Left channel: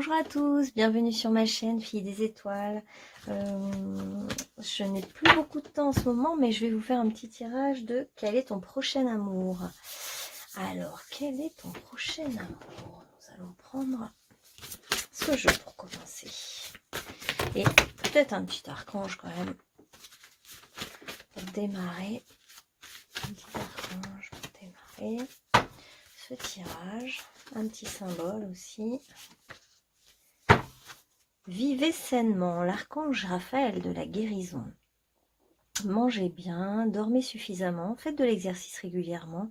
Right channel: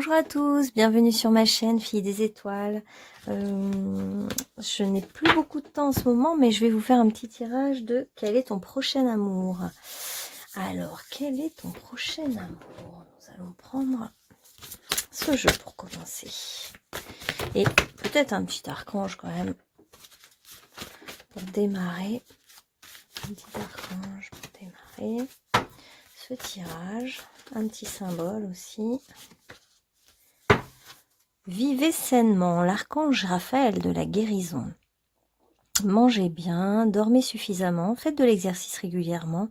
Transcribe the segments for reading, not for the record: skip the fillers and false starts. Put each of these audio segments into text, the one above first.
Bonjour à tous, bienvenue sur ma chaîne Filles des Étoiles. Je n'ai plus beaucoup de temps en ce moment, mais je vais vous faire un petit tirage de quel est ton prochain amour. Alors, quel est ton prochain amour? Nous allons prendre ce jeu pour commencer. Et peut-être un petit archange quand même pour démarrer. Un petit archange pour démarrer ce tirage. Un petit symbole aussi. Vivez sainement, l'archange Raphaël de la guérison. Mangez bien, dormez suffisamment, faites de l'exercice régulièrement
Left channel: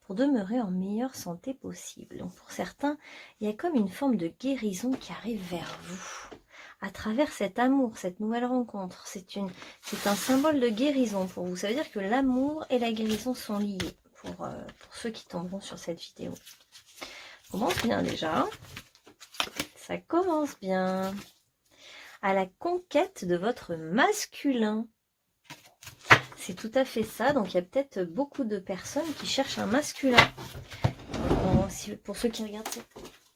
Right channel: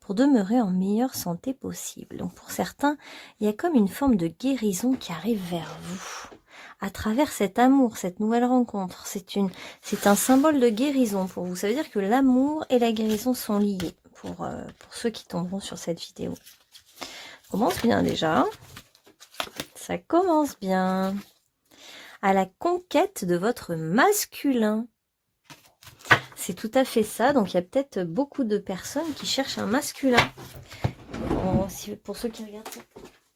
pour demeurer en meilleure santé possible. Donc pour certains, il y a comme une forme de guérison qui arrive vers vous à travers cet amour, cette nouvelle rencontre. C'est un symbole de guérison pour vous. Ça veut dire que l'amour et la guérison sont liés pour ceux qui tomberont sur cette vidéo. Ça commence bien déjà. Ça commence bien. À la conquête de votre masculin. C'est tout à fait ça. Donc, il y a peut-être beaucoup de personnes qui cherchent un masculin. Pour ceux qui regardent cette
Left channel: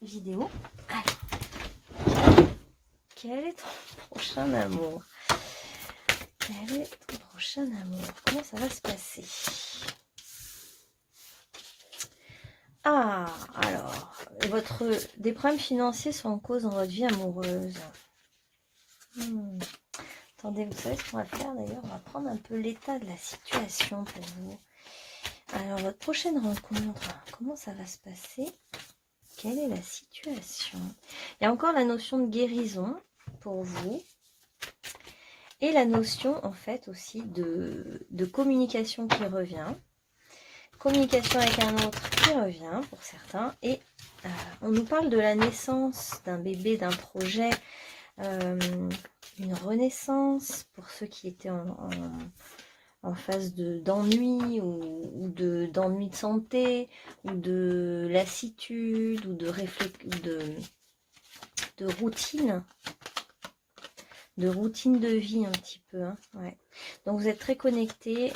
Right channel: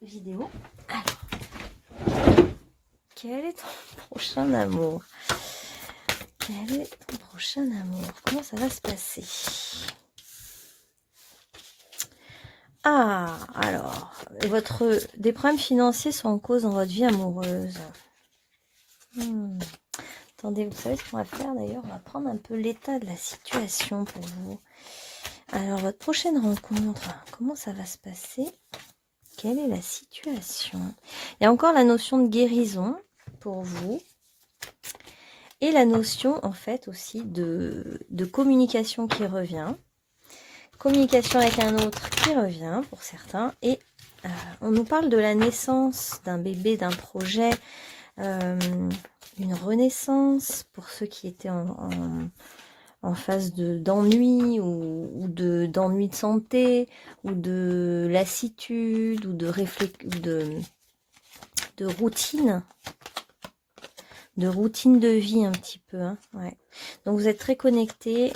vidéo. Quel est ton prochain amour? Quel est ton prochain amour? Comment ça va se passer? Ah, alors, des problèmes financiers sont en cause dans votre vie amoureuse. Attendez, vous savez ce qu'on va faire d'ailleurs? On va prendre un peu l'état de la situation pour vous. Alors, votre prochaine rencontre, comment ça va se passer? Quelle est la situation? Il y a encore la notion de guérison pour vous. Et la notion, en fait, aussi de communication qui revient. Communication avec un autre qui revient pour certains. Et on nous parle de la naissance d'un bébé, d'un projet, une renaissance pour ceux qui étaient en phase d'ennui ou d'ennui de santé ou de lassitude ou de routine. De routine de vie un petit peu. Hein, ouais. Donc vous êtes très connectés.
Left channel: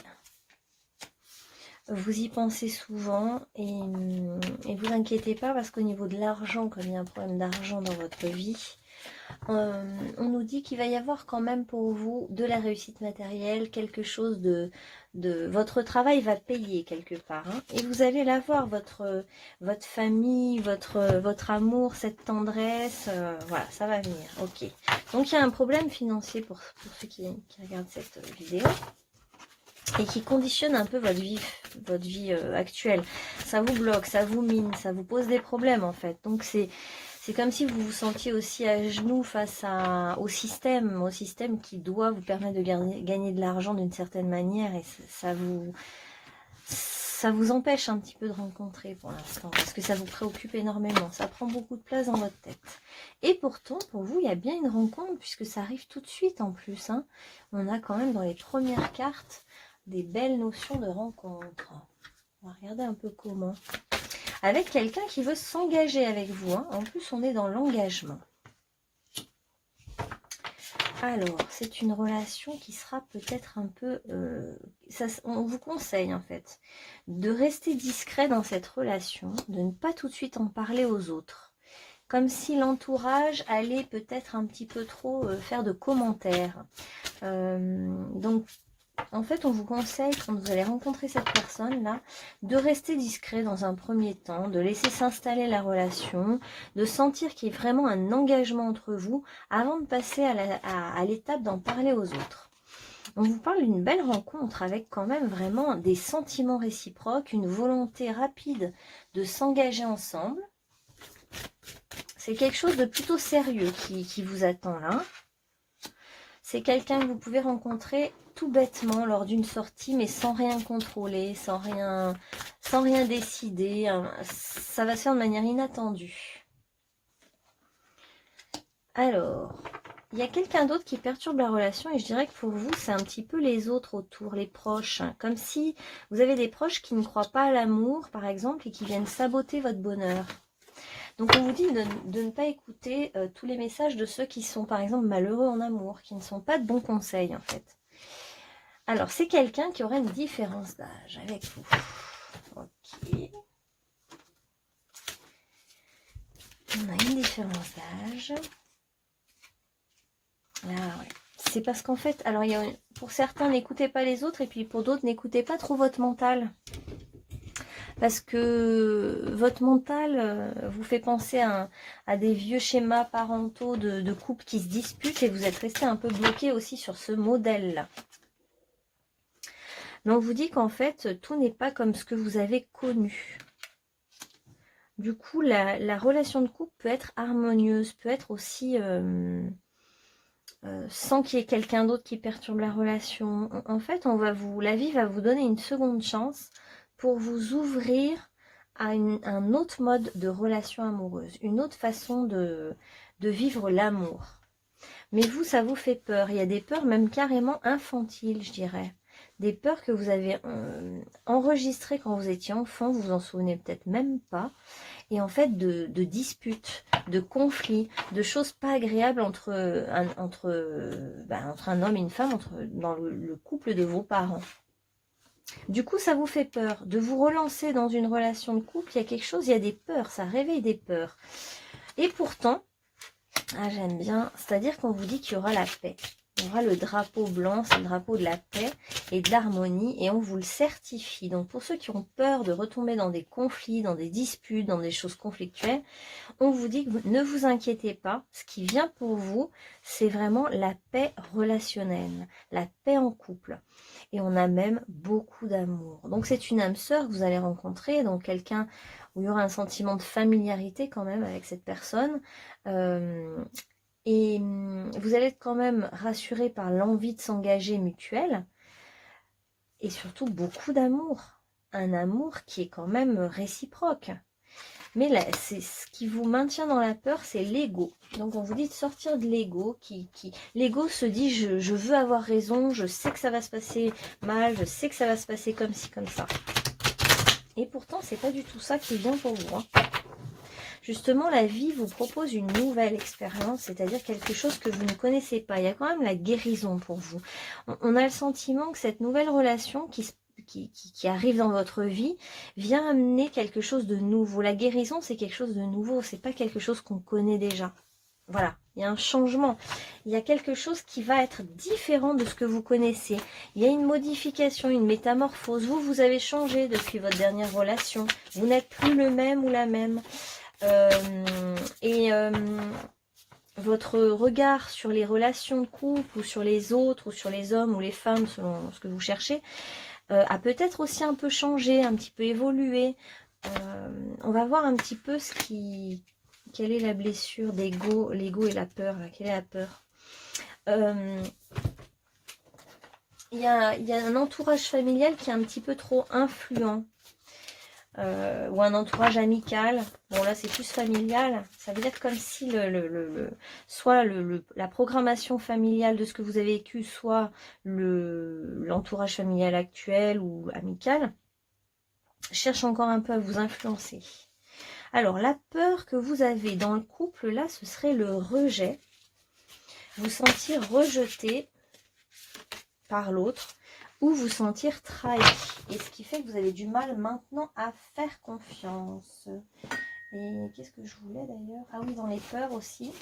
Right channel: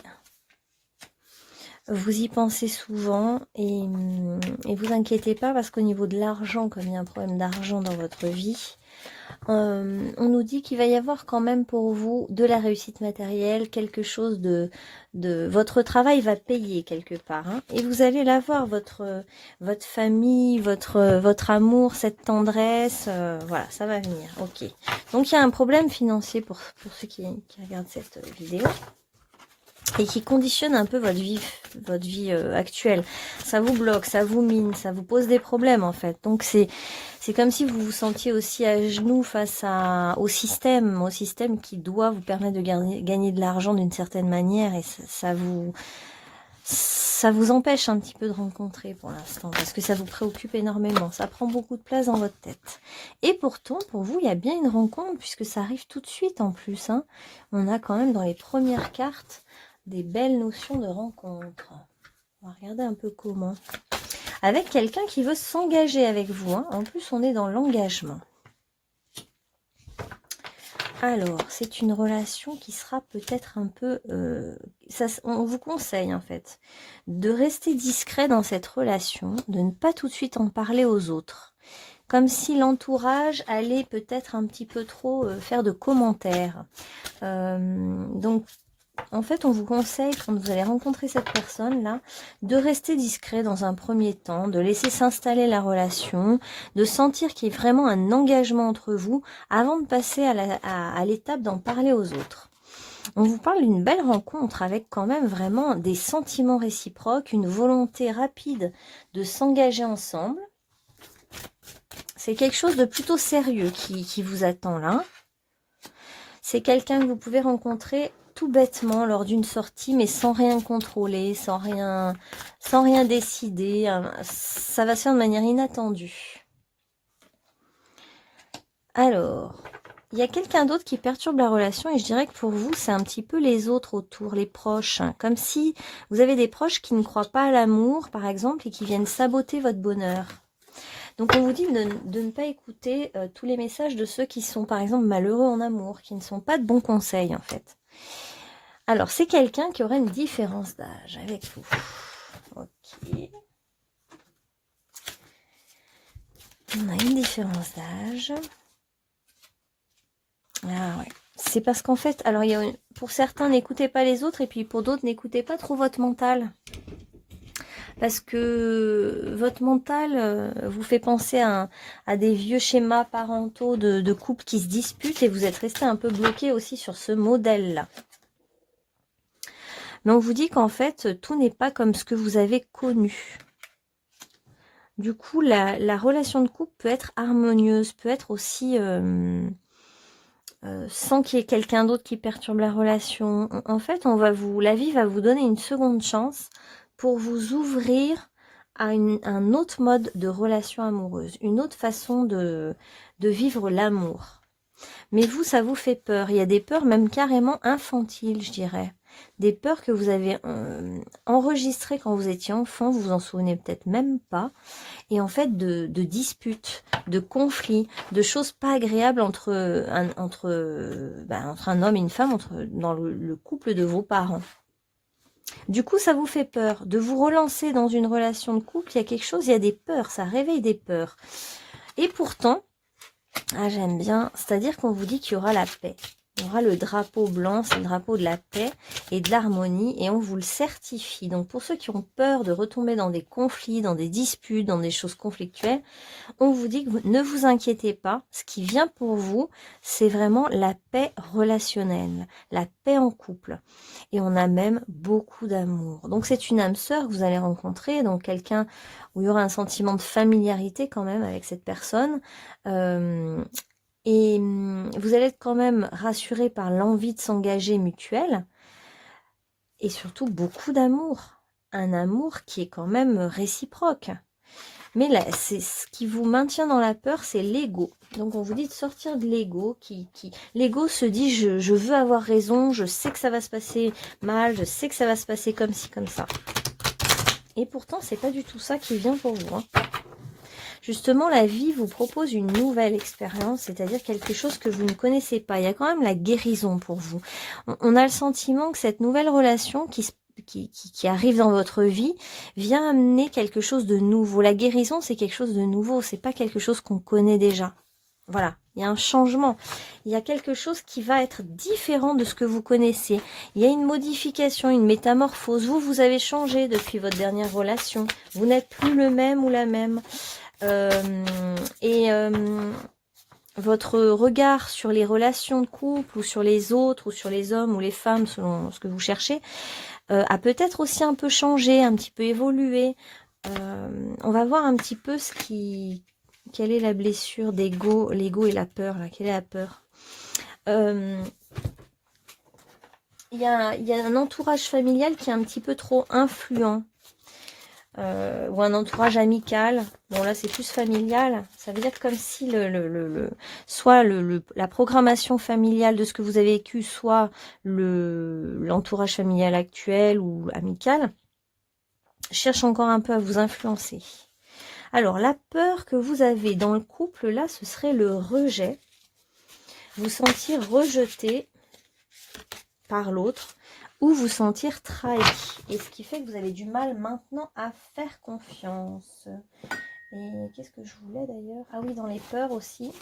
Vous y pensez souvent et vous inquiétez pas parce qu'au niveau de l'argent, comme il y a un problème d'argent dans votre vie, on nous dit qu'il va y avoir quand même pour vous de la réussite matérielle, quelque chose de votre travail va payer quelque part. Hein, et vous allez l'avoir, votre famille, votre amour, cette tendresse, voilà, ça va venir. Ok. Donc il y a un problème financier pour ceux qui regardent cette vidéo. Et qui conditionne un peu votre vie actuelle. Ça vous bloque, ça vous mine, ça vous pose des problèmes en fait. Donc c'est comme si vous vous sentiez aussi à genoux face au système qui doit vous permettre de gagner de l'argent d'une certaine manière. Et ça vous empêche un petit peu de rencontrer pour l'instant, parce que ça vous préoccupe énormément. Ça prend beaucoup de place dans votre tête. Et pourtant, pour vous, il y a bien une rencontre, puisque ça arrive tout de suite en plus. Hein. On a quand même dans les premières cartes des belles notions de rencontre. On va regarder un peu comment. Avec quelqu'un qui veut s'engager avec vous. Hein. En plus, on est dans l'engagement. Alors, c'est une relation qui sera peut-être un peu... on vous conseille, en fait, de rester discret dans cette relation, de ne pas tout de suite en parler aux autres. Comme si l'entourage allait peut-être un petit peu trop faire de commentaires. Donc, en fait, on vous conseille, quand vous allez rencontrer cette personne-là, de rester discret dans un premier temps, de laisser s'installer la relation, de sentir qu'il y a vraiment un engagement entre vous avant de passer à l'étape d'en parler aux autres. On vous parle d'une belle rencontre avec quand même vraiment des sentiments réciproques, une volonté rapide de s'engager ensemble. C'est quelque chose de plutôt sérieux qui vous attend là. C'est quelqu'un que vous pouvez rencontrer tout bêtement lors d'une sortie, mais sans rien contrôler, sans rien décider. Ça va se faire de manière inattendue. Alors, il y a quelqu'un d'autre qui perturbe la relation et je dirais que pour vous, c'est un petit peu les autres autour, les proches. Comme si vous avez des proches qui ne croient pas à l'amour, par exemple, et qui viennent saboter votre bonheur. Donc on vous dit de ne pas écouter tous les messages de ceux qui sont par exemple malheureux en amour, qui ne sont pas de bons conseils en fait. Alors c'est quelqu'un qui aurait une différence d'âge avec vous. Ok. On a une différence d'âge. Ah ouais. C'est parce qu'en fait, alors pour certains, n'écoutez pas les autres, et puis pour d'autres, n'écoutez pas trop votre mental. Parce que votre mental vous fait penser à des vieux schémas parentaux de couples qui se disputent, et vous êtes resté un peu bloqué aussi sur ce modèle-là. Mais on vous dit qu'en fait, tout n'est pas comme ce que vous avez connu. Du coup, la relation de couple peut être harmonieuse, peut être aussi sans qu'il y ait quelqu'un d'autre qui perturbe la relation. En fait, la vie va vous donner une seconde chance pour vous ouvrir à un autre mode de relation amoureuse, une autre façon de vivre l'amour. Mais vous, ça vous fait peur. Il y a des peurs même carrément infantiles, je dirais. Des peurs que vous avez enregistrées quand vous étiez enfant, vous vous en souvenez peut-être même pas. Et en fait, de disputes, de conflits, de choses pas agréables entre un homme et une femme, dans le couple de vos parents. Du coup, ça vous fait peur. De vous relancer dans une relation de couple, il y a quelque chose, il y a des peurs, ça réveille des peurs. Et pourtant, j'aime bien, c'est-à-dire qu'on vous dit qu'il y aura la paix. Il y aura le drapeau blanc, c'est le drapeau de la paix et de l'harmonie, et on vous le certifie. Donc pour ceux qui ont peur de retomber dans des conflits, dans des disputes, dans des choses conflictuelles, on vous dit que ne vous inquiétez pas. Ce qui vient pour vous, c'est vraiment la paix relationnelle, la paix en couple. Et on a même beaucoup d'amour. Donc c'est une âme sœur que vous allez rencontrer, donc quelqu'un où il y aura un sentiment de familiarité quand même avec cette personne. Et vous allez être quand même rassuré par l'envie de s'engager mutuelle. Et surtout beaucoup d'amour. Un amour qui est quand même réciproque. Mais là, c'est ce qui vous maintient dans la peur, c'est l'ego. Donc on vous dit de sortir de l'ego. L'ego se dit je veux avoir raison, je sais que ça va se passer mal, je sais que ça va se passer comme ci, comme ça. Et pourtant, c'est pas du tout ça qui vient pour vous. Justement, la vie vous propose une nouvelle expérience, c'est-à-dire quelque chose que vous ne connaissez pas. Il y a quand même la guérison pour vous. On a le sentiment que cette nouvelle relation qui arrive dans votre vie vient amener quelque chose de nouveau. La guérison, c'est quelque chose de nouveau, c'est pas quelque chose qu'on connaît déjà. Voilà, il y a un changement. Il y a quelque chose qui va être différent de ce que vous connaissez. Il y a une modification, une métamorphose. Vous avez changé depuis votre dernière relation. Vous n'êtes plus le même ou la même. Votre regard sur les relations de couple ou sur les autres ou sur les hommes ou les femmes selon ce que vous cherchez a peut-être aussi un peu changé, un petit peu évolué. On va voir un petit peu quelle est la blessure d'ego, l'ego et la peur. Là. Quelle est la peur? Il y a un entourage familial qui est un petit peu trop influent. Ou un entourage amical. Bon là c'est plus familial. Ça veut dire comme si soit la programmation familiale de ce que vous avez vécu, soit l'entourage familial actuel ou amical, cherche encore un peu à vous influencer. Alors la peur que vous avez dans le couple là, ce serait le rejet. Vous sentir rejeté par l'autre, ou vous sentir trahi. Et ce qui fait que vous avez du mal maintenant à faire confiance. Et qu'est-ce que je voulais d'ailleurs? Ah oui, dans les peurs aussi.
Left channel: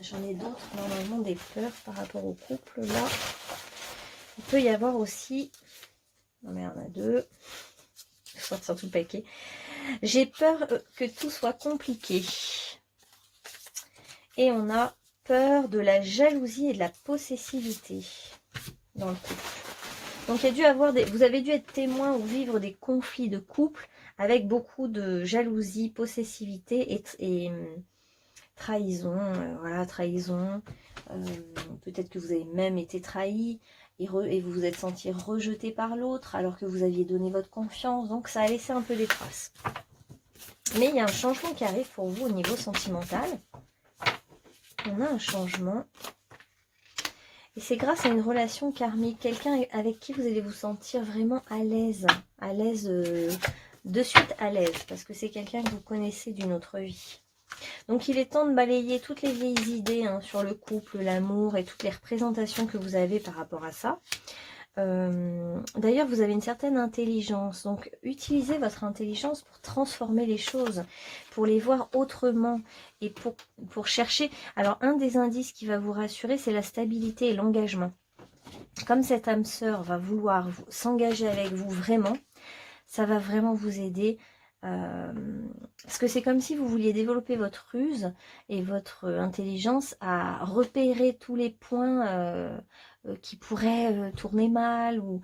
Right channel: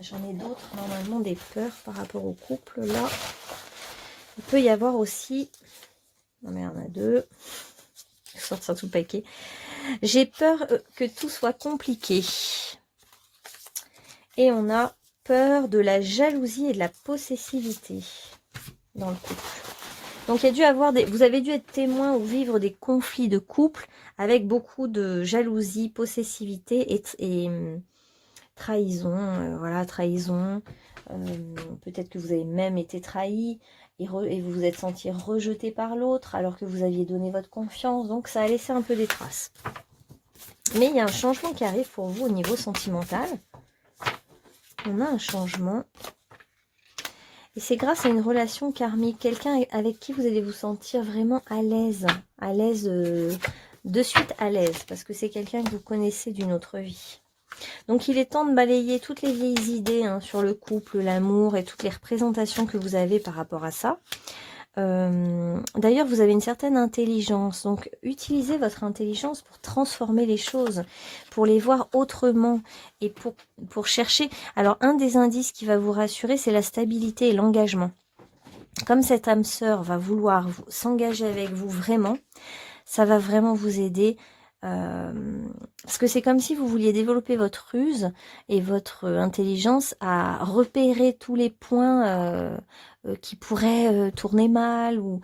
J'en ai d'autres, normalement, des peurs par rapport au couple. Là, il peut y avoir aussi... Non mais il y en a deux. Je vais sortir tout le paquet. J'ai peur que tout soit compliqué. Et on a peur de la jalousie et de la possessivité dans le couple. Donc, vous avez dû être témoin ou vivre des conflits de couple avec beaucoup de jalousie, possessivité et trahison. Voilà, trahison. Peut-être que vous avez même été trahi et vous vous êtes senti rejeté par l'autre alors que vous aviez donné votre confiance. Donc, ça a laissé un peu des traces. Mais il y a un changement qui arrive pour vous au niveau sentimental. On a un changement. Et c'est grâce à une relation karmique, quelqu'un avec qui vous allez vous sentir vraiment à l'aise, de suite à l'aise, parce que c'est quelqu'un que vous connaissez d'une autre vie. Donc il est temps de balayer toutes les vieilles idées sur le couple, l'amour et toutes les représentations que vous avez par rapport à ça. D'ailleurs, vous avez une certaine intelligence, donc utilisez votre intelligence pour transformer les choses, pour les voir autrement et pour chercher. Alors, un des indices qui va vous rassurer, c'est la stabilité et l'engagement. Comme cette âme sœur va vouloir s'engager avec vous vraiment, ça va vraiment vous aider. Parce que c'est comme si vous vouliez développer votre ruse et votre intelligence à repérer tous les points qui pourraient tourner mal ou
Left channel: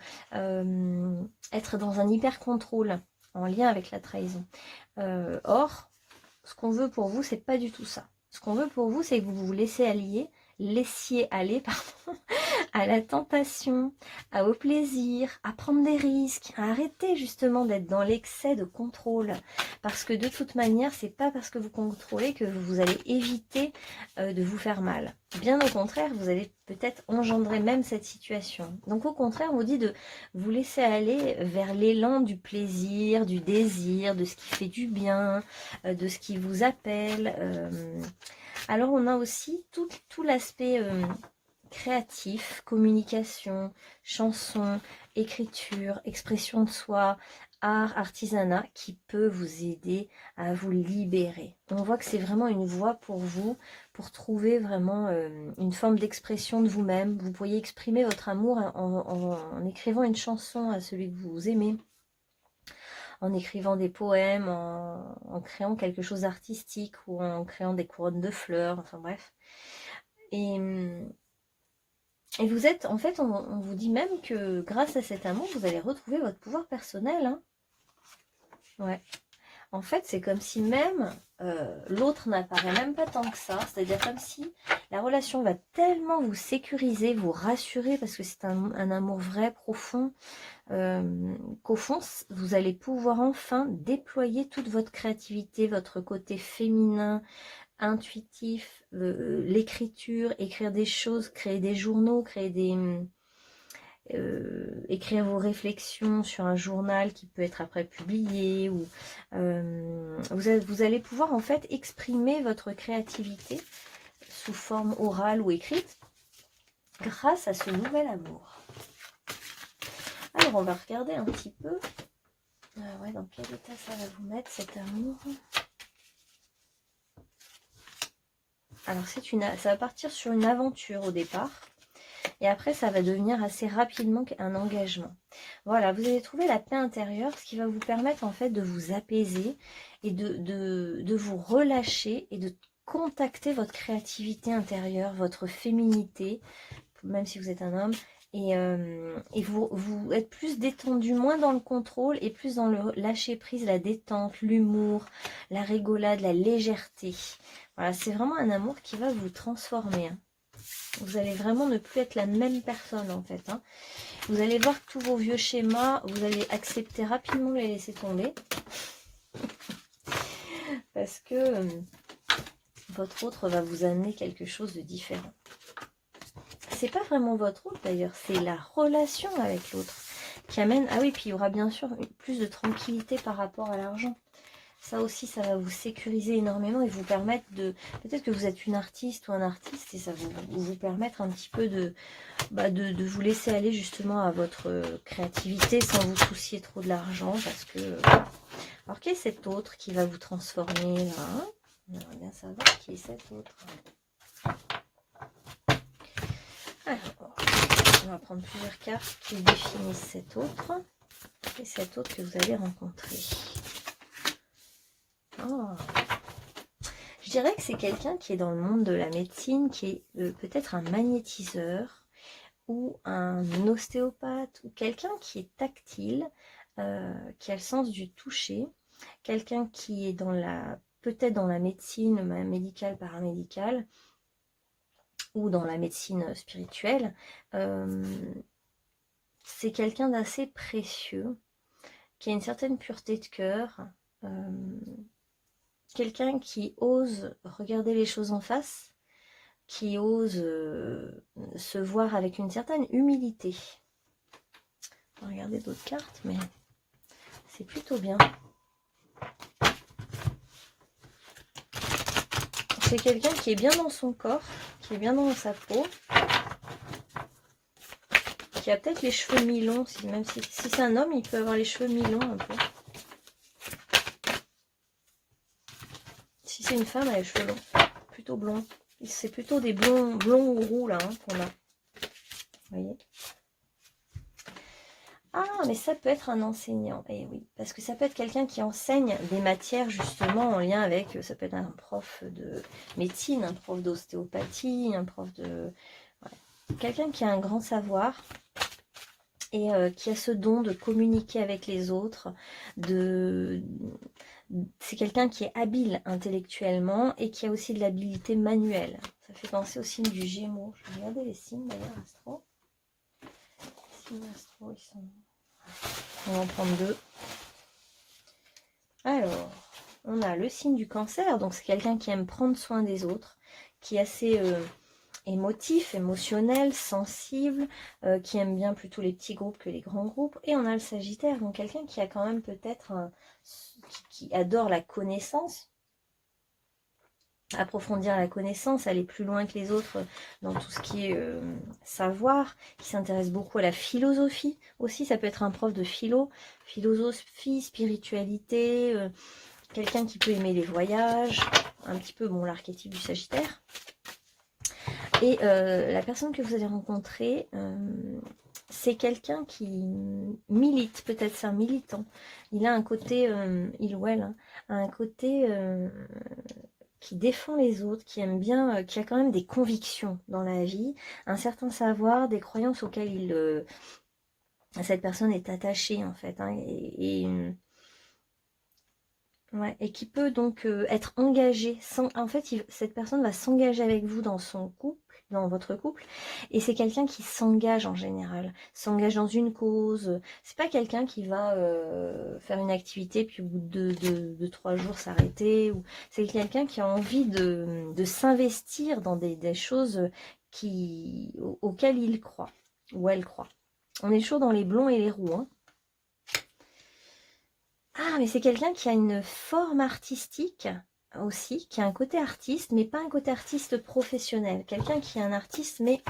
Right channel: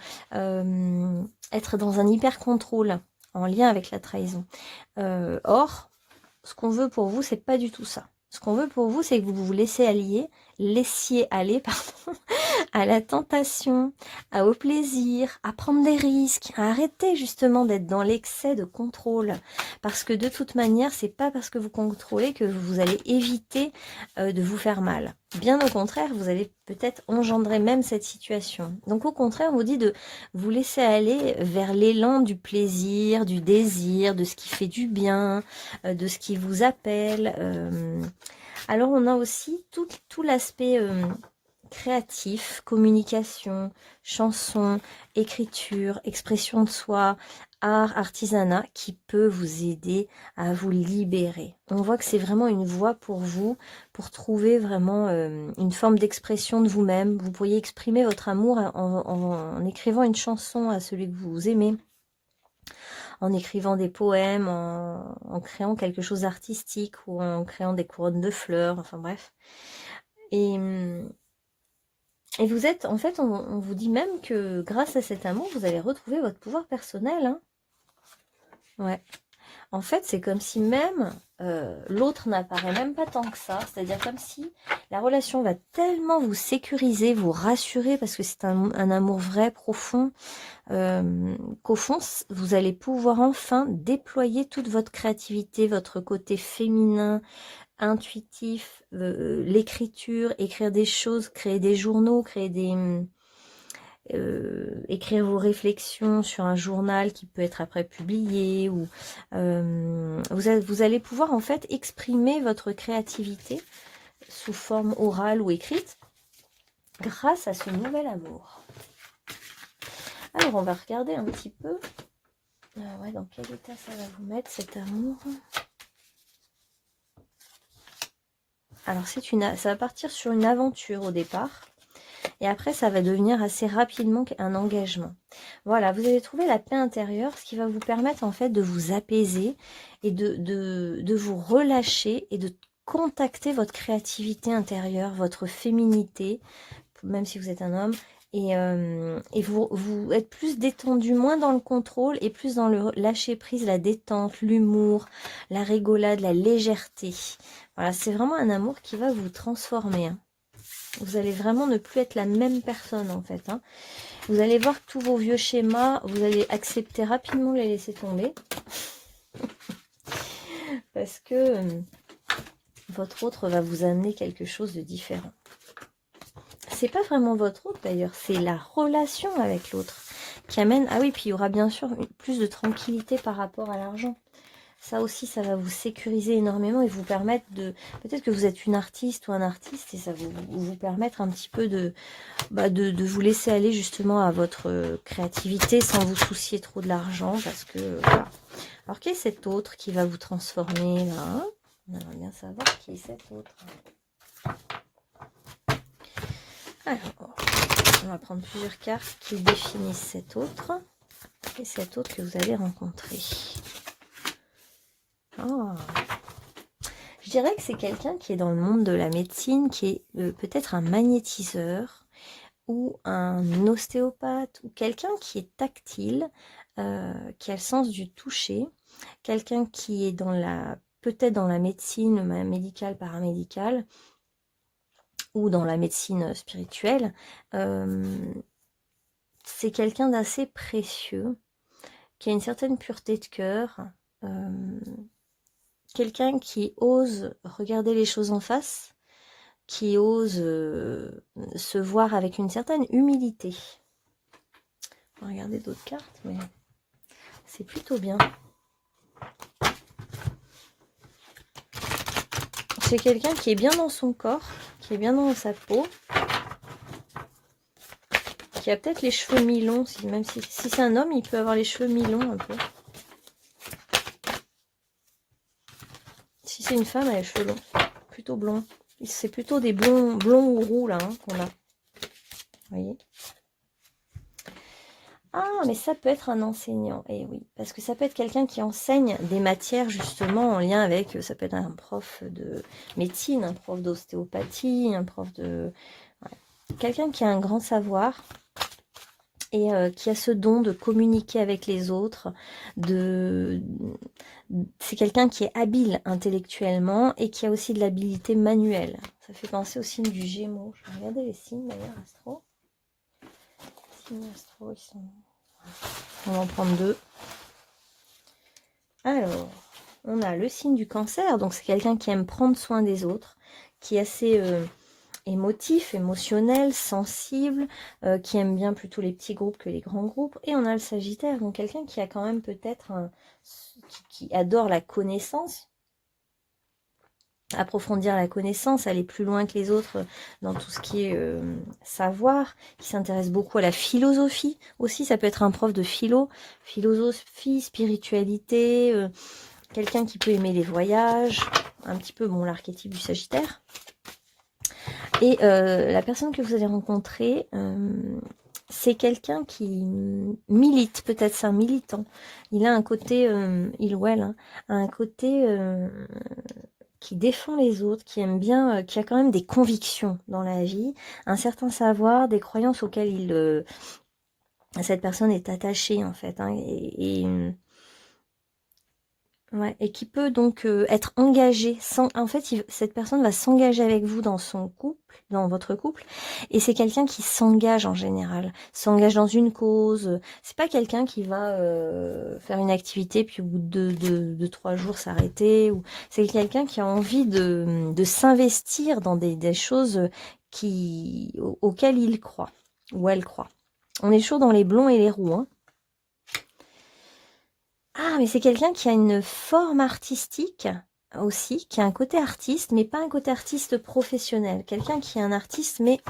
être dans un hyper contrôle en lien avec la trahison. Or, ce qu'on veut pour vous, c'est pas du tout ça. Ce qu'on veut pour vous, c'est que vous vous laissiez aller, pardon, à la tentation, au plaisir, à prendre des risques, à arrêter justement d'être dans l'excès de contrôle. Parce que de toute manière, c'est pas parce que vous contrôlez que vous allez éviter de vous faire mal. Bien au contraire, vous allez peut-être engendrer même cette situation. Donc au contraire, on vous dit de vous laisser aller vers l'élan du plaisir, du désir, de ce qui fait du bien, de ce qui vous appelle. Alors on a aussi tout l'aspect créatif, communication, chanson, écriture, expression de soi, art, artisanat qui peut vous aider à vous libérer. On voit que c'est vraiment une voie pour vous, pour trouver vraiment une forme d'expression de vous-même. Vous pourriez exprimer votre amour en écrivant une chanson à celui que vous aimez, en écrivant des poèmes, en créant quelque chose d'artistique ou en créant des couronnes de fleurs, enfin bref. Et vous êtes, en fait, on vous dit même que grâce à cet amour, vous allez retrouver votre pouvoir personnel. Hein. Ouais. En fait, c'est comme si même l'autre n'apparaît même pas tant que ça. C'est-à-dire comme si la relation va tellement vous sécuriser, vous rassurer, parce que c'est un amour vrai, profond, qu'au fond, vous allez pouvoir enfin déployer toute votre créativité, votre côté féminin, intuitif, l'écriture, écrire des choses, créer des journaux, écrire vos réflexions sur un journal qui peut être après publié, ou vous allez pouvoir en fait exprimer votre créativité sous forme orale ou écrite grâce à ce nouvel amour. Alors on va regarder un petit peu ouais, dans quel état ça va vous mettre cet amour. Alors ça va partir sur une aventure au départ. Et après, ça va devenir assez rapidement un engagement. Voilà, vous allez trouver la paix intérieure, ce qui va vous permettre en fait de vous apaiser et de vous relâcher et de contacter votre créativité intérieure, votre féminité, même si vous êtes un homme, et vous êtes plus détendu, moins dans le contrôle et plus dans le lâcher prise, la détente, l'humour, la rigolade, la légèreté. Voilà, c'est vraiment un amour qui va vous transformer. Hein. Vous allez vraiment ne plus être la même personne en fait. Hein. Vous allez voir que tous vos vieux schémas, vous allez accepter rapidement, les laisser tomber. Parce que votre autre va vous amener quelque chose de différent. C'est pas vraiment votre autre d'ailleurs, c'est la relation avec l'autre qui amène... Ah oui, puis il y aura bien sûr plus de tranquillité par rapport à l'argent. Ça aussi, ça va vous sécuriser énormément et vous permettre de... Peut-être que vous êtes une artiste ou un artiste et ça va vous permettre un petit peu de vous laisser aller justement à votre créativité sans vous soucier trop de l'argent parce que... Alors, qui est cet autre qui va vous transformer là, hein? On aimerait bien savoir qui est cet autre. Alors, on va prendre plusieurs cartes qui définissent cet autre et cet autre que vous allez rencontrer. Oh. Je dirais que c'est quelqu'un qui est dans le monde de la médecine, qui est peut-être un magnétiseur ou un ostéopathe ou quelqu'un qui est tactile, qui a le sens du toucher, quelqu'un qui est peut-être dans la médecine médicale, paramédicale ou dans la médecine spirituelle. C'est quelqu'un d'assez précieux, qui a une certaine pureté de cœur, quelqu'un qui ose regarder les choses en face, qui ose se voir avec une certaine humilité. On va regarder d'autres cartes, mais c'est plutôt bien. C'est quelqu'un qui est bien dans son corps, qui est bien dans sa peau, qui a peut-être les cheveux mi-longs, même si c'est un homme, il peut avoir les cheveux mi-longs un peu. Si c'est une femme, elle a les cheveux longs, plutôt blonds. C'est plutôt des blonds ou roux là qu'on a. Vous voyez? Ah, mais ça peut être un enseignant, eh oui, parce que ça peut être quelqu'un qui enseigne des matières justement en lien avec, ça peut être un prof de médecine, un prof d'ostéopathie, un prof de... Ouais. Quelqu'un qui a un grand savoir et qui a ce don de communiquer avec les autres, c'est quelqu'un qui est habile intellectuellement et qui a aussi de l'habilité manuelle. Ça fait penser au signe du Gémeaux. Je vais regarder les signes d'ailleurs, astro. Les signes astro, ils sont... On va en prendre 2. Alors, on a le signe du Cancer, donc c'est quelqu'un qui aime prendre soin des autres, qui est assez émotif, émotionnel, sensible, qui aime bien plutôt les petits groupes que les grands groupes. Et on a le Sagittaire, donc quelqu'un qui a quand même peut-être qui adore la connaissance, approfondir la connaissance, aller plus loin que les autres dans tout ce qui est savoir, qui s'intéresse beaucoup à la philosophie aussi. Ça peut être un prof de philosophie, spiritualité, quelqu'un qui peut aimer les voyages, un petit peu bon l'archétype du Sagittaire. Et la personne que vous allez rencontrer, c'est quelqu'un qui milite, peut-être c'est un militant. Il a un côté, il ou elle, hein, a un côté qui défend les autres, qui aime bien, qui a quand même des convictions dans la vie, un certain savoir, des croyances auxquelles cette personne est attachée en fait, hein, ouais, et qui peut donc être engagée. En fait, cette personne va s'engager avec vous dans son couple, dans votre couple, et c'est quelqu'un qui s'engage en général, s'engage dans une cause. C'est pas quelqu'un qui va faire une activité puis au bout de 3 jours s'arrêter. C'est quelqu'un qui a envie de s'investir dans des choses auxquelles il croit ou elle croit. On est chaud dans les blonds et les roux, hein. Ah, mais c'est quelqu'un qui a une forme artistique aussi, qui a un côté artiste, mais pas un côté artiste professionnel. Quelqu'un qui est un artiste, mais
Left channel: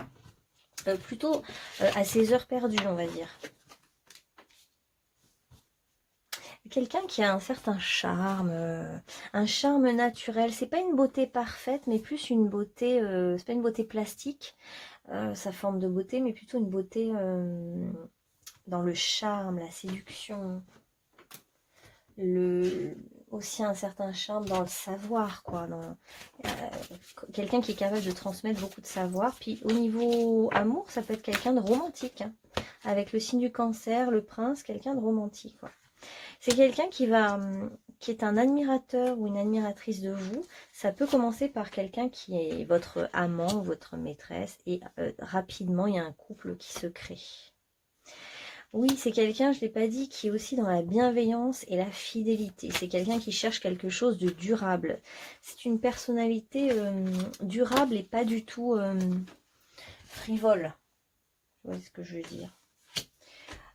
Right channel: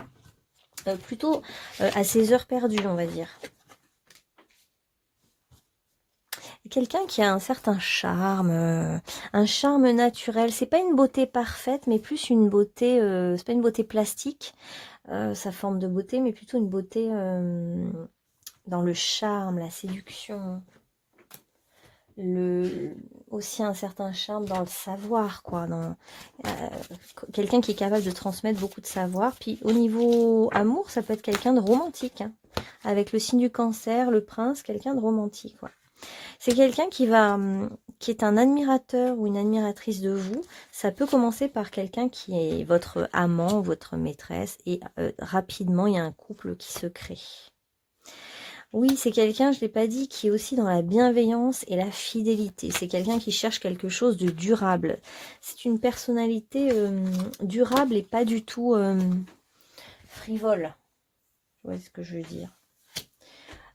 plutôt à ses heures perdues, on va dire. Quelqu'un qui a un certain charme, un charme naturel. C'est pas une beauté parfaite, mais plus une beauté, c'est pas une beauté plastique, sa forme de beauté, mais plutôt une beauté dans le charme, la séduction. Aussi un certain charme dans le savoir, quoi. Quelqu'un qui est capable de transmettre beaucoup de savoir. Puis au niveau amour, ça peut être quelqu'un de romantique, hein. Avec le signe du Cancer, le prince, quelqu'un de romantique, quoi. C'est quelqu'un qui est un admirateur ou une admiratrice de vous. Ça peut commencer par quelqu'un qui est votre amant, votre maîtresse, et rapidement, il y a un couple qui se crée. Oui, c'est quelqu'un, je ne l'ai pas dit, qui est aussi dans la bienveillance et la fidélité. C'est quelqu'un qui cherche quelque chose de durable. C'est une personnalité durable et pas du tout frivole. Vous voyez ce que je veux dire.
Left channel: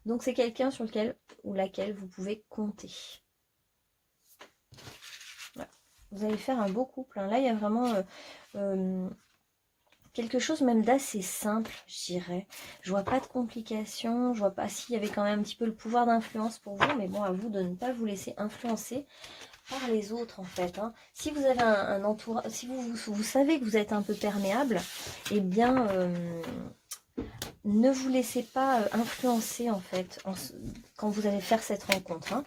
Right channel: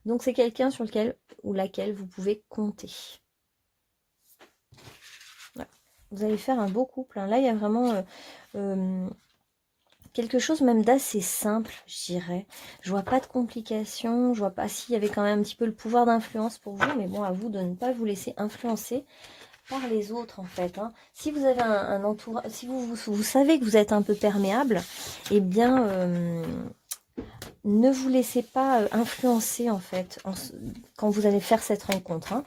Donc c'est quelqu'un sur lequel ou laquelle vous pouvez compter. Voilà. Vous allez faire un beau couple, hein. Là, il y a vraiment... quelque chose même d'assez simple, je dirais. Je vois pas de complications, je vois pas s'il y avait quand même un petit peu le pouvoir d'influence pour vous, mais bon, à vous de ne pas vous laisser influencer par les autres en fait, hein. Si vous avez un entourage, si vous savez que vous êtes un peu perméable, eh bien ne vous laissez pas influencer en fait quand vous allez faire cette rencontre, hein.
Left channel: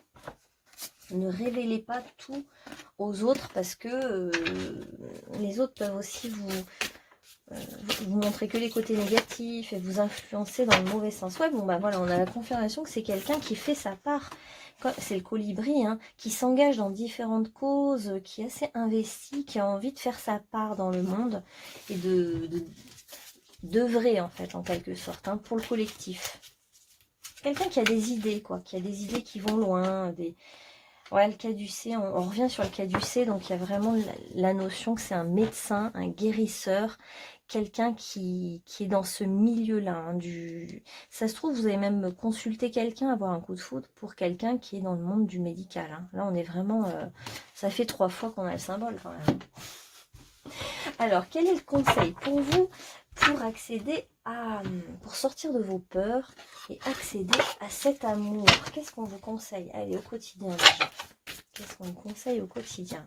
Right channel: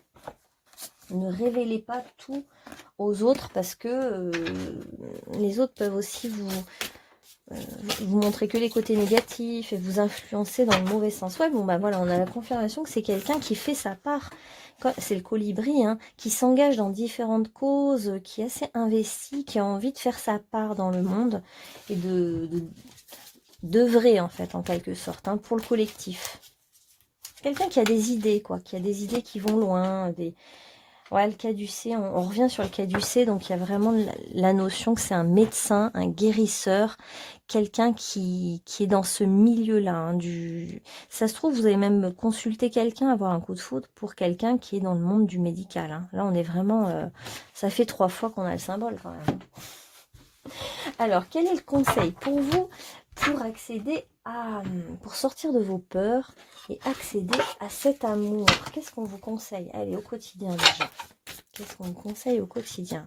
Ne révélez pas tout aux autres parce que les autres peuvent aussi vous montrer que les côtés négatifs et vous influencer dans le mauvais sens. Ouais, bon, bah voilà, on a la confirmation que c'est quelqu'un qui fait sa part. C'est le colibri, hein, qui s'engage dans différentes causes, qui est assez investi, qui a envie de faire sa part dans le monde et d'œuvrer, en fait, en quelque sorte, hein, pour le collectif. Quelqu'un qui a des idées, quoi, qui a des idées qui vont loin, Ouais, le caducée, on revient sur le caducée, donc il y a vraiment la notion que c'est un médecin, un guérisseur, quelqu'un qui est dans ce milieu-là, hein, ça se trouve, vous allez même consulter quelqu'un, avoir un coup de foudre pour quelqu'un qui est dans le monde du médical, hein. Là, on est vraiment... ça fait 3 fois qu'on a le symbole, quand même. Alors, quel est le conseil pour vous? pour accéder à, pour sortir de vos peurs et accéder à cet amour. Qu'est-ce qu'on vous conseille? Allez, au quotidien déjà. Qu'est-ce qu'on vous conseille au quotidien?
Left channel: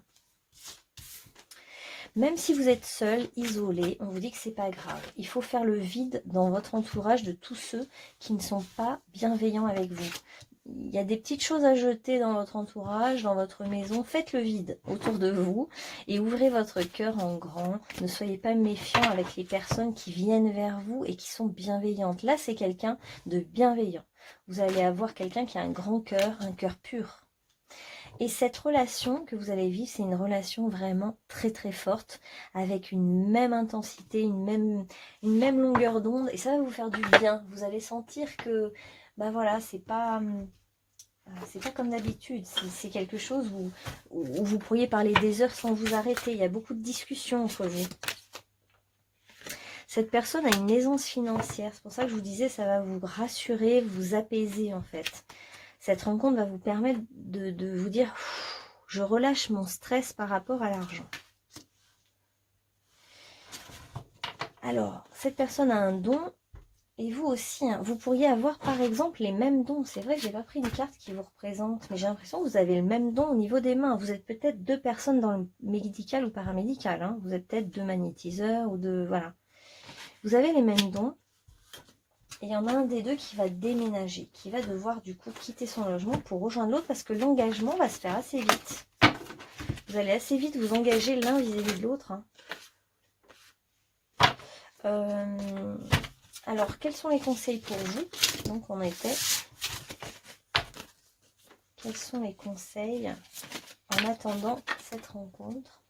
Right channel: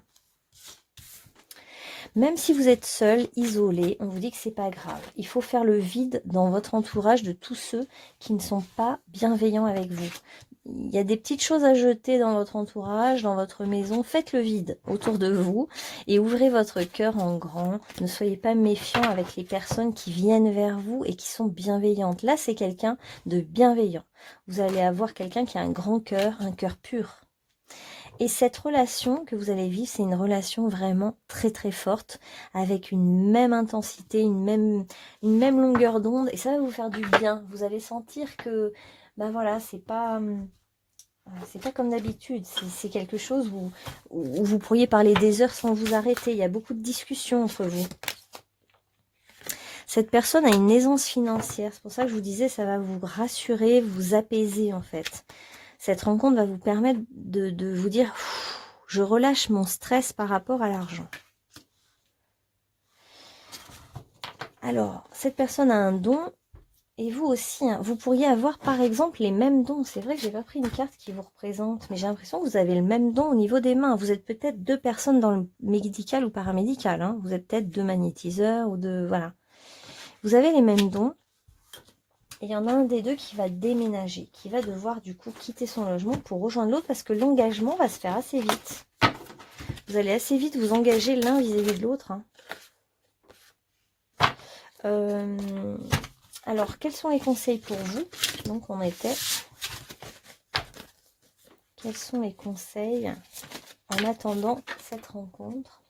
Même si vous êtes seul, isolé, on vous dit que c'est pas grave. Il faut faire le vide dans votre entourage de tous ceux qui ne sont pas bienveillants avec vous. Il y a des petites choses à jeter dans votre entourage, dans votre maison. Faites le vide autour de vous et ouvrez votre cœur en grand. Ne soyez pas méfiants avec les personnes qui viennent vers vous et qui sont bienveillantes. Là, c'est quelqu'un de bienveillant. Vous allez avoir quelqu'un qui a un grand cœur, un cœur pur. Et cette relation que vous allez vivre, c'est une relation vraiment très très forte, avec une même intensité, une même longueur d'onde, et ça va vous faire du bien. Vous allez sentir que, ben voilà, c'est pas comme d'habitude, c'est quelque chose où vous pourriez parler des heures sans vous arrêter. Il y a beaucoup de discussions entre vous. Cette personne a une aisance financière, c'est pour ça que je vous disais, ça va vous rassurer, vous apaiser en fait. Cette rencontre va vous permettre de vous dire, je relâche mon stress par rapport à l'argent. Alors, cette personne a un don, et vous aussi, hein, vous pourriez avoir par exemple les mêmes dons. C'est vrai que j'ai pas pris une carte qui vous représente, mais j'ai l'impression que vous avez le même don au niveau des mains. Vous êtes peut-être deux personnes dans le médical ou paramédical. Hein. Vous êtes peut-être deux magnétiseurs ou deux... Voilà. Vous avez les mêmes dons. Et il y en a un des deux qui va déménager, qui va devoir du coup quitter son logement pour rejoindre l'autre parce que l'engagement va se faire assez vite. Vous allez assez vite vous engager l'un vis-à-vis de l'autre. Hein. Alors, quels sont les conseils pour vous? Donc, on était... Quels sont les conseils en attendant cette rencontre?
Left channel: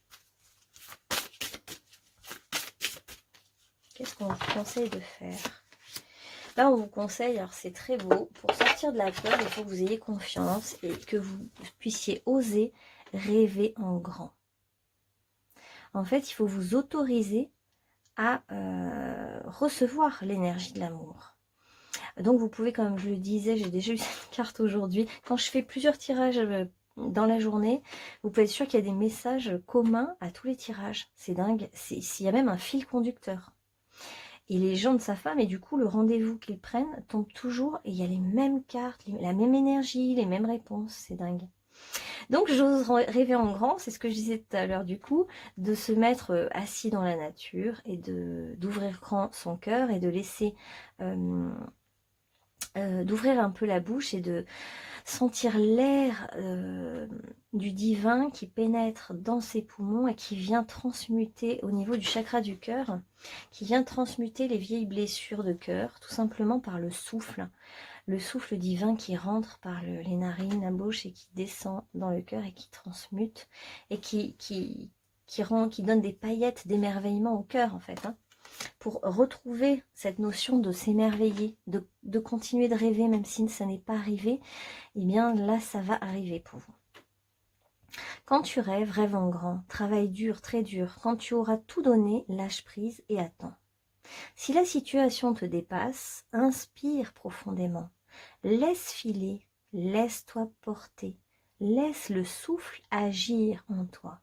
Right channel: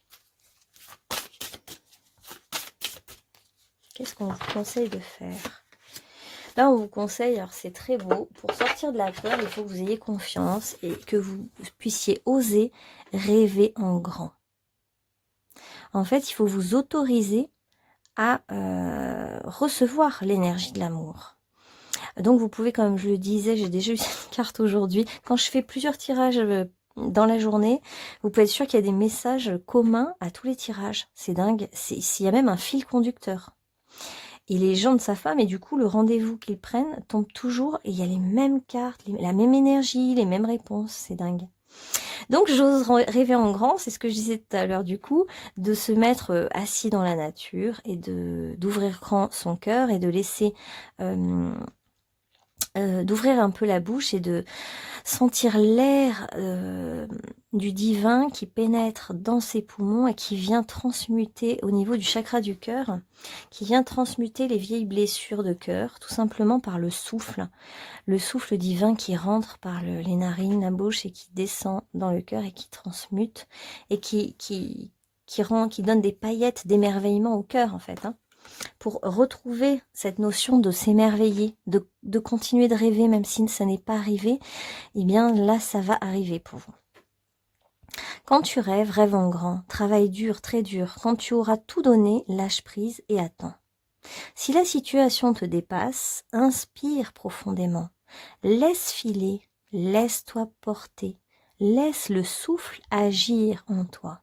Qu'est-ce qu'on vous conseille de faire? Là, on vous conseille, alors c'est très beau, pour sortir de la peur, il faut que vous ayez confiance et que vous puissiez oser rêver en grand. En fait, il faut vous autoriser à recevoir l'énergie de l'amour. Donc, vous pouvez, comme je le disais, j'ai déjà eu cette carte aujourd'hui, quand je fais plusieurs tirages dans la journée, vous pouvez être sûr qu'il y a des messages communs à tous les tirages. C'est dingue, il y a même un fil conducteur. Et les gens de sa femme, et du coup, le rendez-vous qu'ils prennent tombe toujours, et il y a les mêmes cartes, la même énergie, les mêmes réponses, c'est dingue. Donc, j'ose rêver en grand, c'est ce que je disais tout à l'heure du coup, de se mettre assis dans la nature, et d'ouvrir grand son cœur, et de laisser... d'ouvrir un peu la bouche, et de sentir l'air du divin qui pénètre dans ses poumons et qui vient transmuter au niveau du chakra du cœur, qui vient transmuter les vieilles blessures de cœur, tout simplement par le souffle divin qui rentre par les narines, la bouche et qui descend dans le cœur et qui transmute et qui donne des paillettes d'émerveillement au cœur en fait, hein. Pour retrouver cette notion de s'émerveiller, de continuer de rêver même si ça n'est pas arrivé, eh bien là ça va arriver pour vous. Quand tu rêves, rêve en grand, travaille dur, très dur. Quand tu auras tout donné, lâche prise et attends. Si la situation te dépasse, inspire profondément, laisse filer, laisse-toi porter, laisse le souffle agir en toi.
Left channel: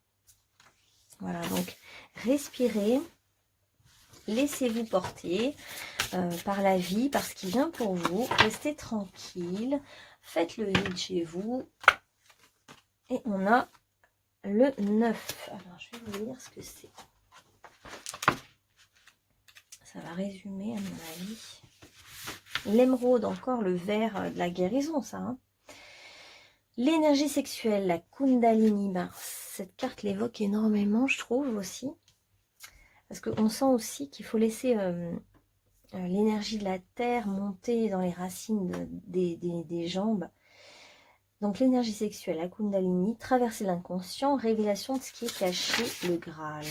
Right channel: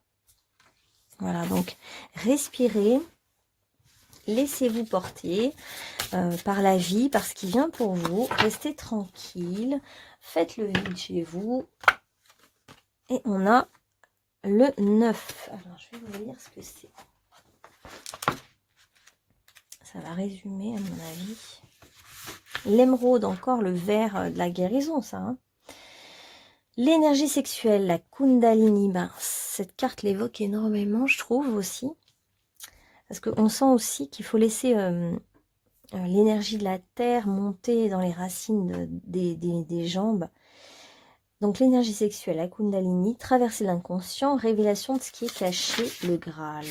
Voilà, donc respirez. Laissez-vous porter par la vie, par ce qui vient pour vous. Restez tranquille. Faites le vide chez vous. Et on a le 9. Alors, je vais vous lire ce que c'est. Ça va résumer, à mon avis. L'émeraude, encore le vert de la guérison, ça. Hein. L'énergie sexuelle, la Kundalini. Ben, cette carte l'évoque énormément, je trouve aussi. Parce qu'on sent aussi qu'il faut laisser l'énergie de la terre monter dans les racines des jambes. Donc l'énergie sexuelle, la Kundalini, traverser l'inconscient, révélation de ce qui est caché, le Graal.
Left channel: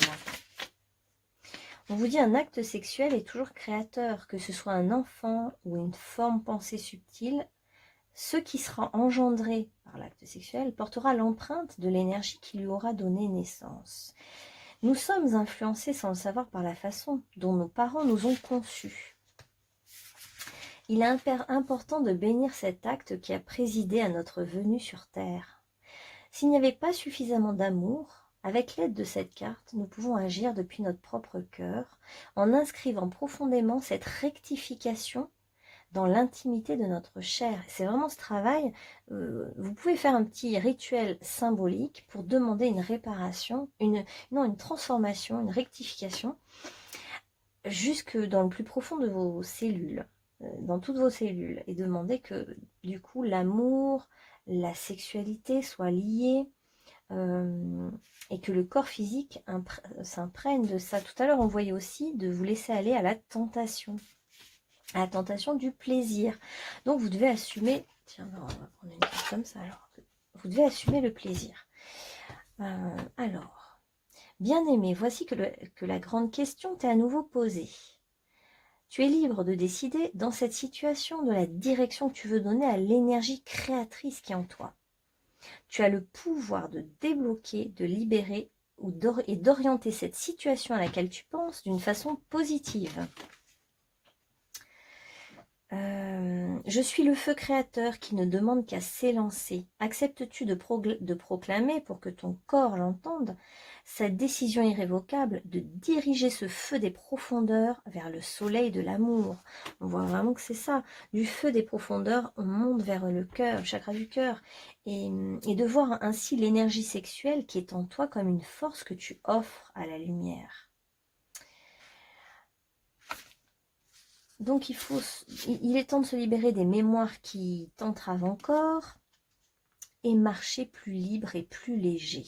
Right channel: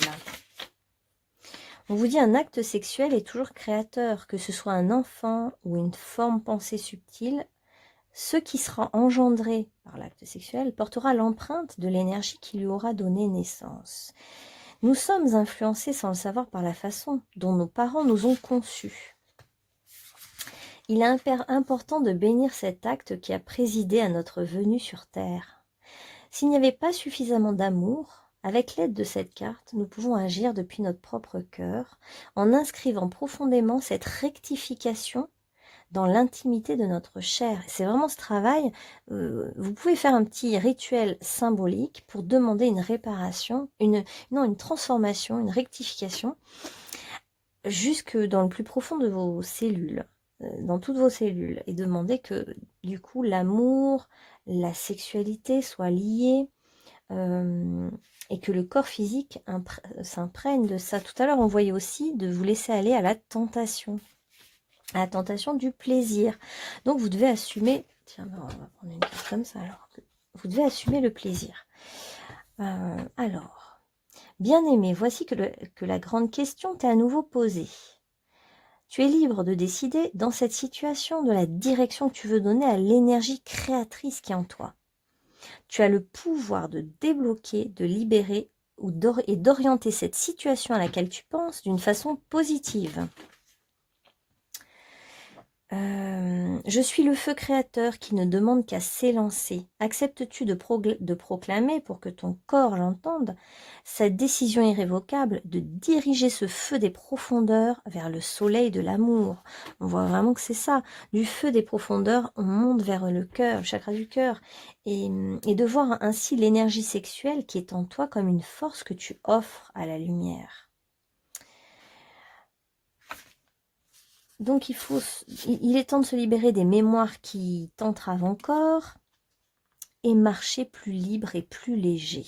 On vous dit un acte sexuel est toujours créateur, que ce soit un enfant ou une forme pensée subtile. Ce qui sera engendré par l'acte sexuel portera l'empreinte de l'énergie qui lui aura donné naissance. Nous sommes influencés sans le savoir par la façon dont nos parents nous ont conçus. Il est important de bénir cet acte qui a présidé à notre venue sur Terre. S'il n'y avait pas suffisamment d'amour, Avec l'aide de cette carte, nous pouvons agir depuis notre propre cœur en inscrivant profondément cette rectification dans l'intimité de notre chair. C'est vraiment ce travail. Vous pouvez faire un petit rituel symbolique pour demander une réparation, une transformation, une rectification, jusque dans le plus profond de vos cellules, dans toutes vos cellules, et demander que du coup l'amour, la sexualité soient liés, et que le corps physique s'imprègne de ça. Tout à l'heure, on voyait aussi de vous laisser aller à la tentation du plaisir. Donc vous devez assumer, tiens, on va prendre une carte comme ça alors. Vous devez assumer le plaisir. Alors, bien-aimé, voici que la grande question t'est à nouveau posée. Tu es libre de décider dans cette situation de la direction que tu veux donner à l'énergie créatrice qui est en toi. Tu as le pouvoir de débloquer, de libérer et d'orienter cette situation à laquelle tu penses d'une façon positive. Je suis le feu créateur qui ne demande qu'à s'élancer. Acceptes-tu de proclamer, pour que ton corps l'entende, cette décision irrévocable de diriger ce feu des profondeurs vers le soleil de l'amour? On voit vraiment que c'est ça. Du feu des profondeurs, on monte vers le cœur, le chakra du cœur, et de voir ainsi l'énergie sexuelle qui est en toi comme une force que tu offres à la lumière. Donc il est temps de se libérer des mémoires qui t'entravent encore et marcher plus libre et plus léger,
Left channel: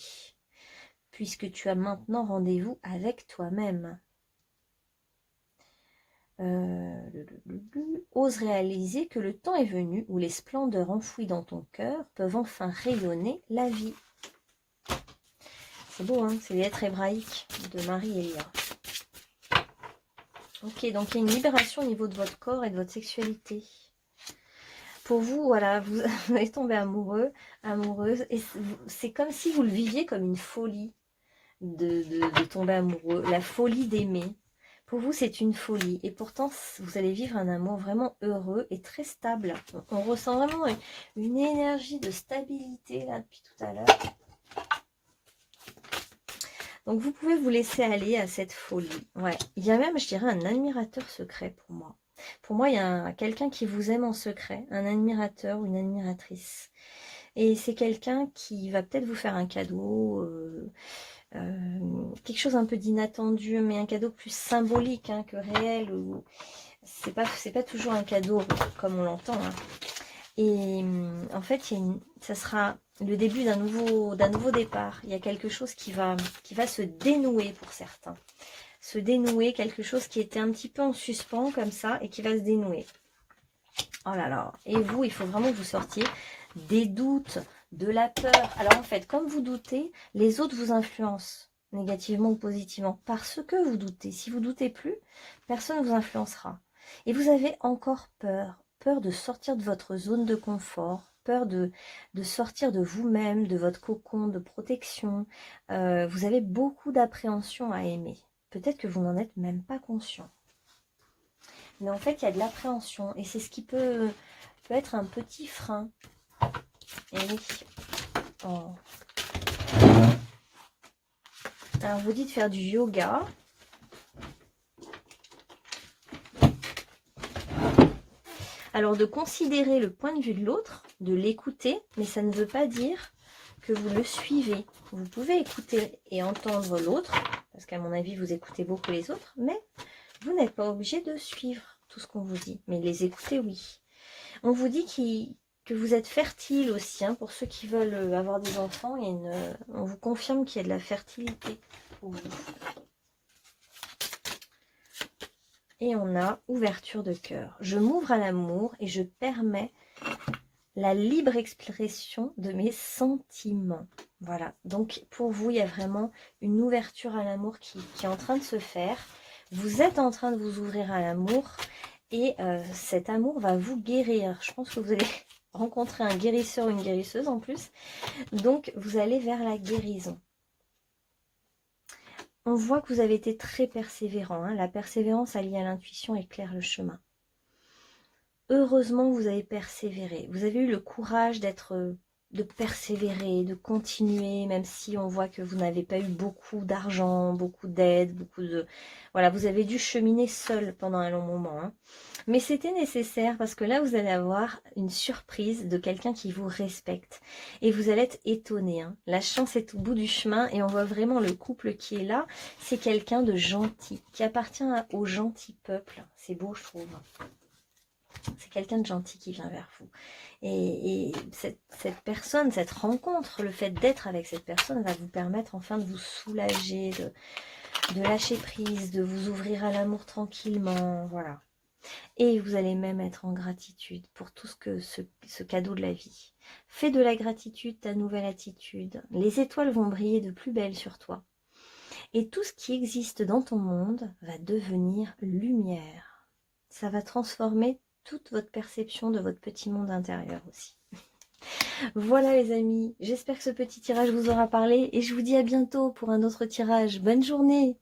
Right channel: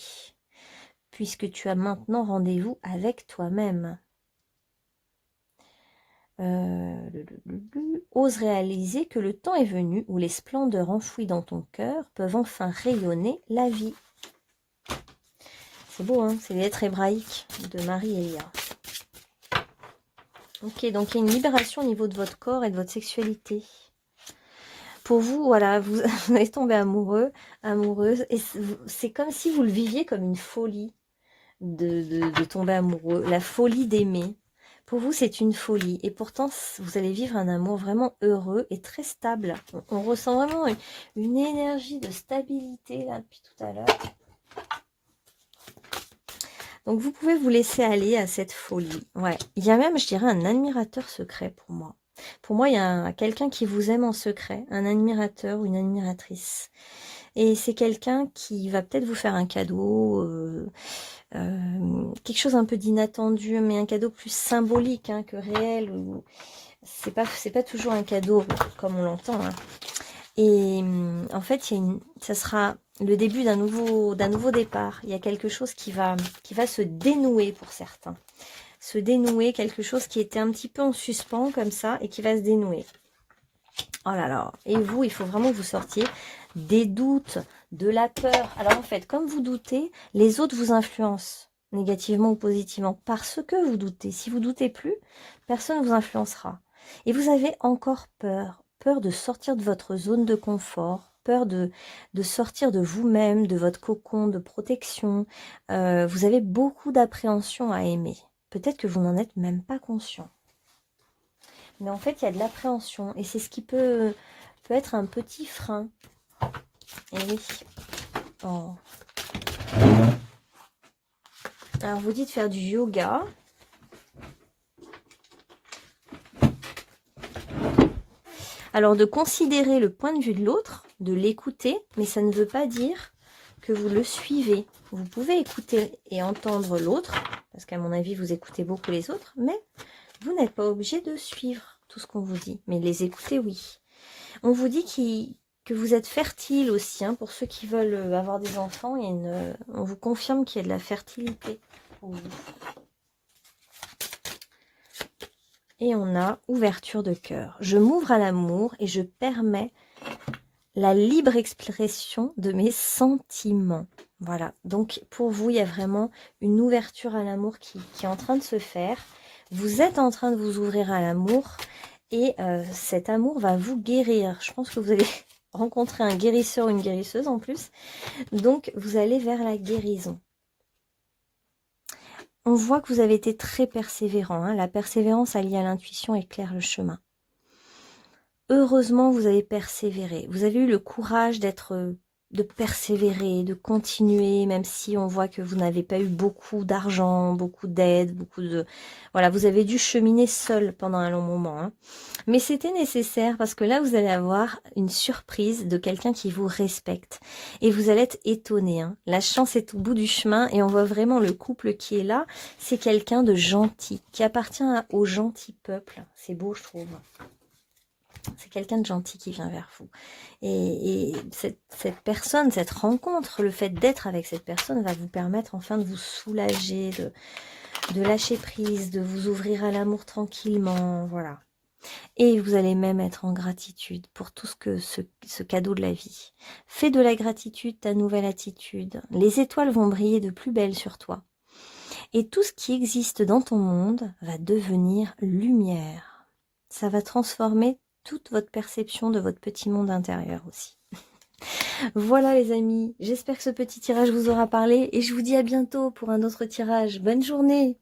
puisque tu as maintenant rendez-vous avec toi-même. Ose réaliser que le temps est venu où les splendeurs enfouies dans ton cœur peuvent enfin rayonner la vie. C'est beau, hein? C'est les lettres hébraïques de Marie-Elia. Ok, donc il y a une libération au niveau de votre corps et de votre sexualité. Pour vous, voilà, vous allez tomber amoureux, amoureuse, et c'est comme si vous le viviez comme une folie de tomber amoureux, la folie d'aimer. Pour vous, c'est une folie, et pourtant, vous allez vivre un amour vraiment heureux et très stable. On ressent vraiment une énergie de stabilité là depuis tout à l'heure. Donc, vous pouvez vous laisser aller à cette folie. Ouais, il y a même, je dirais, un admirateur secret pour moi. Pour moi, il y a quelqu'un qui vous aime en secret, un admirateur ou une admiratrice. Et c'est quelqu'un qui va peut-être vous faire un cadeau, quelque chose un peu d'inattendu, mais un cadeau plus symbolique hein, que réel. C'est pas toujours un cadeau comme on l'entend. Hein. Et en fait, ça sera le début d'un nouveau départ. Il y a quelque chose qui va se dénouer pour certains. Se dénouer, quelque chose qui était un petit peu en suspens comme ça et qui va se dénouer. Oh là là. Et vous, il faut vraiment que vous sortiez des doutes, de la peur. Alors en fait, comme vous doutez, les autres vous influencent négativement ou positivement parce que vous doutez. Si vous doutez plus, personne ne vous influencera. Et vous avez encore peur. Peur de sortir de votre zone de confort, peur de sortir de vous-même, de votre cocon de protection. Vous avez beaucoup d'appréhension à aimer. Peut-être que vous n'en êtes même pas conscient. Mais en fait, il y a de l'appréhension. Et c'est ce qui peut être un petit frein. Et oui. Oh. Alors, vous dites faire du yoga. Alors, de considérer le point de vue de l'autre, de l'écouter, mais ça ne veut pas dire que vous le suivez. Vous pouvez écouter et entendre l'autre, parce qu'à mon avis, vous écoutez beaucoup les autres, mais vous n'êtes pas obligé de suivre tout ce qu'on vous dit. Mais les écouter, oui. On vous dit que vous êtes fertile aussi, hein, pour ceux qui veulent avoir des enfants. On vous confirme qu'il y a de la fertilité pour vous. Et on a ouverture de cœur. Je m'ouvre à l'amour et je permets la libre expression de mes sentiments. Voilà, donc pour vous, il y a vraiment une ouverture à l'amour qui est en train de se faire. Vous êtes en train de vous ouvrir à l'amour et cet amour va vous guérir. Je pense que vous allez rencontrer un guérisseur ou une guérisseuse en plus. Donc, vous allez vers la guérison. On voit que vous avez été très persévérant. Hein. La persévérance alliée à l'intuition éclaire le chemin. Heureusement, vous avez persévéré. Vous avez eu le courage d'être de persévérer, de continuer, même si on voit que vous n'avez pas eu beaucoup d'argent, beaucoup d'aide, beaucoup de... Voilà, vous avez dû cheminer seul pendant un long moment, hein. Mais c'était nécessaire parce que là, vous allez avoir une surprise de quelqu'un qui vous respecte. Et vous allez être étonné, hein. La chance est au bout du chemin et on voit vraiment le couple qui est là. C'est quelqu'un de gentil, qui appartient au gentil peuple. C'est beau, je trouve. C'est quelqu'un de gentil qui vient vers vous. Et cette personne, cette rencontre, le fait d'être avec cette personne va vous permettre enfin de vous soulager, de lâcher prise, de vous ouvrir à l'amour tranquillement, voilà. Et vous allez même être en gratitude pour tout ce cadeau de la vie. Fais de la gratitude ta nouvelle attitude. Les étoiles vont briller de plus belle sur toi. Et tout ce qui existe dans ton monde va devenir lumière. Ça va transformer toute votre perception de votre petit monde intérieur aussi. Voilà les amis, j'espère que ce petit tirage vous aura parlé et je vous dis à bientôt pour un autre tirage. Bonne journée!